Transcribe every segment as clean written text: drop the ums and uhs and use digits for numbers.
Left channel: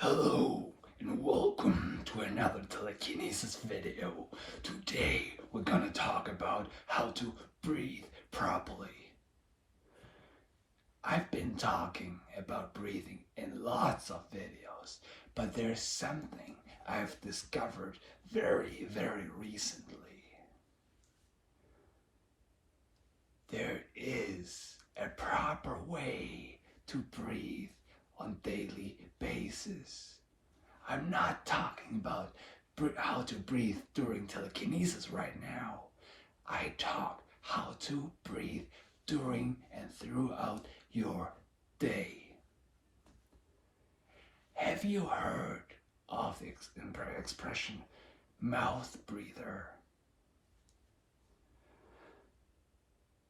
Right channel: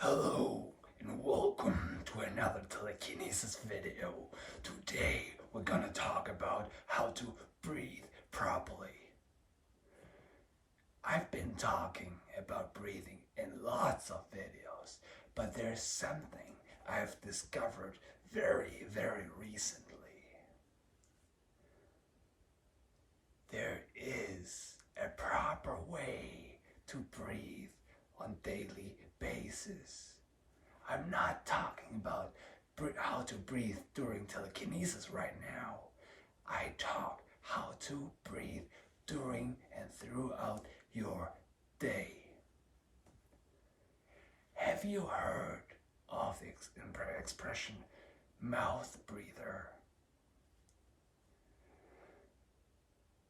Hello and welcome to another telekinesis video. Today we're gonna talk about how to breathe properly. I've been talking about breathing in lots of videos, but there's something I've discovered very recently. There is a proper way to breathe on daily basis. I'm not talking about how to breathe during telekinesis right now. I talk how to breathe during and throughout your day. Have you heard of the expression mouth breather?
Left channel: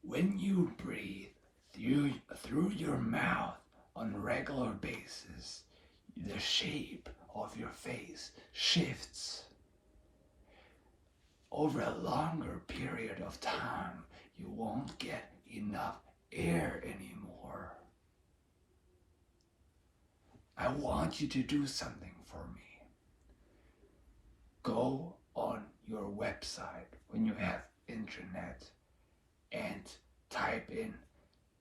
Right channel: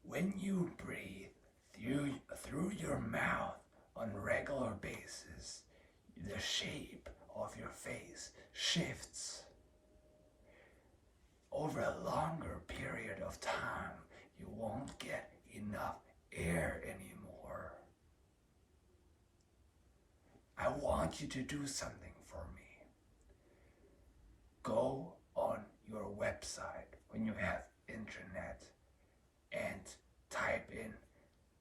When you breathe through your mouth on a regular basis, the shape of your face shifts. Over a longer period of time, you won't get enough air anymore. I want you to do something for me. Go on your website when you have internet and type in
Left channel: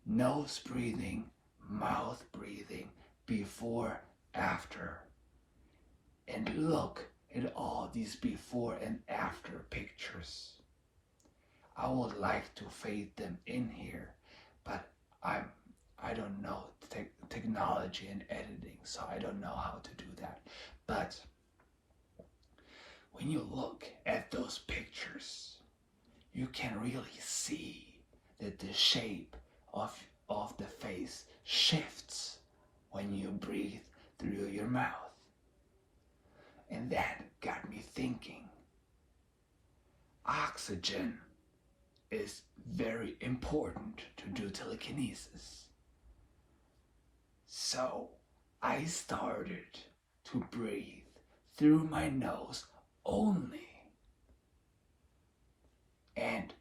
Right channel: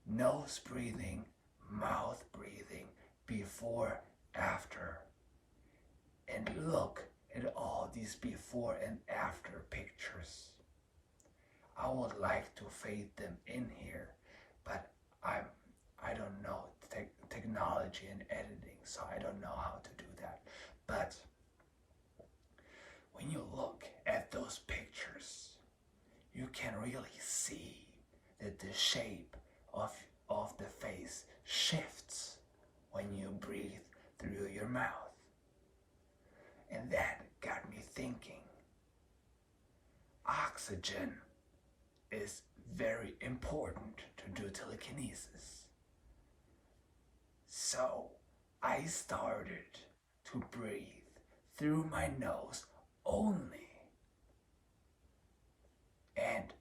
nose breathing, mouth breathing, before, after, and look at all these before and after pictures. I would like to fade them in here, but I don't know technology and editing, so I don't know how to do that. But when you look at those pictures, you can really see that the shape of the face shifts when you breathe through your mouth. And that got me thinking. Oxygen is very important to do telekinesis. So I started to breathe through my nose only. And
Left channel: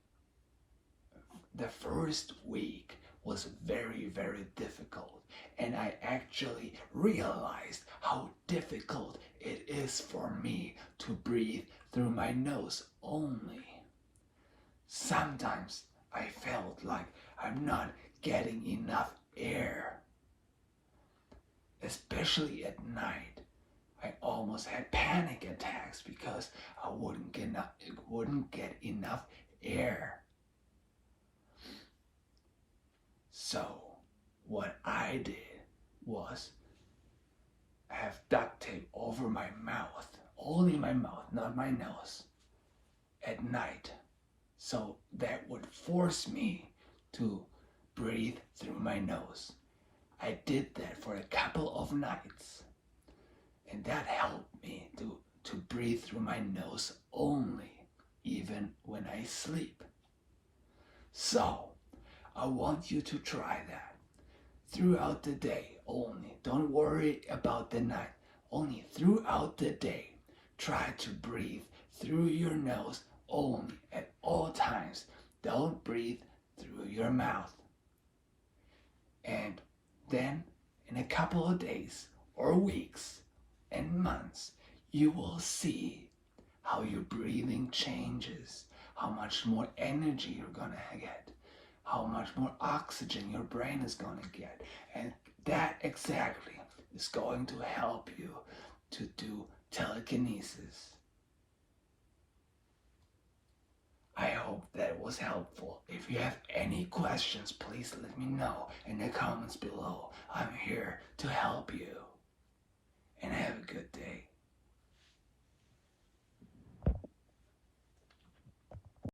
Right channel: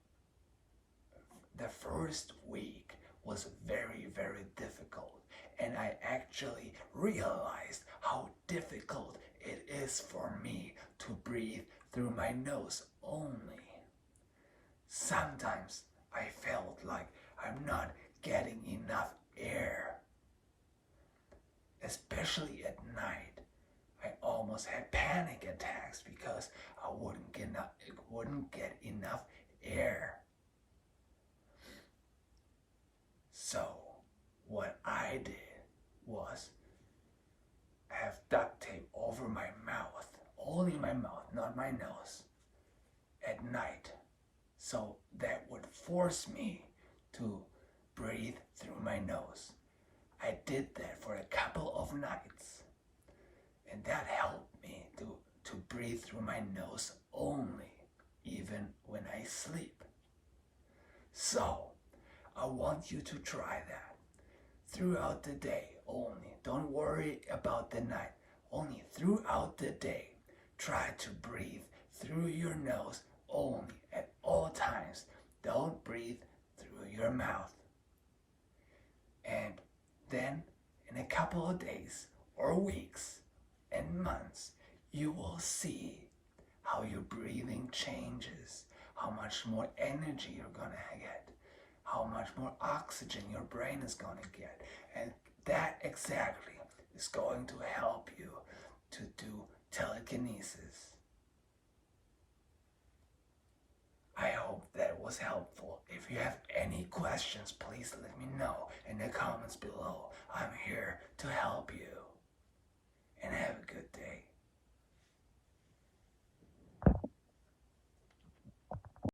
the first week was very difficult, and I actually realized how difficult it is for me to breathe through my nose only. Sometimes I felt like I'm not getting enough air, especially at night. I almost had panic attacks because I wouldn't get enough air. So what I did was have duct tape over my mouth, only my mouth, not my nose, at night. So that would force me to breathe through my nose. I did that for a couple of nights, and that helped me to breathe through my nose only, even when I sleep. So I want you to try that throughout the day only. Don't worry about the night. Only throughout the day, try to breathe through your nose only at all times. Don't breathe through your mouth. And then in a couple of days or weeks and months, you will see how your breathing changes, how much more energy you're gonna get, how much more oxygen your brain is going to get. And that exactly is going to help you to do telekinesis. I hope that was helpful. If you have any questions, please let me know in the comments below. I'm here to help you.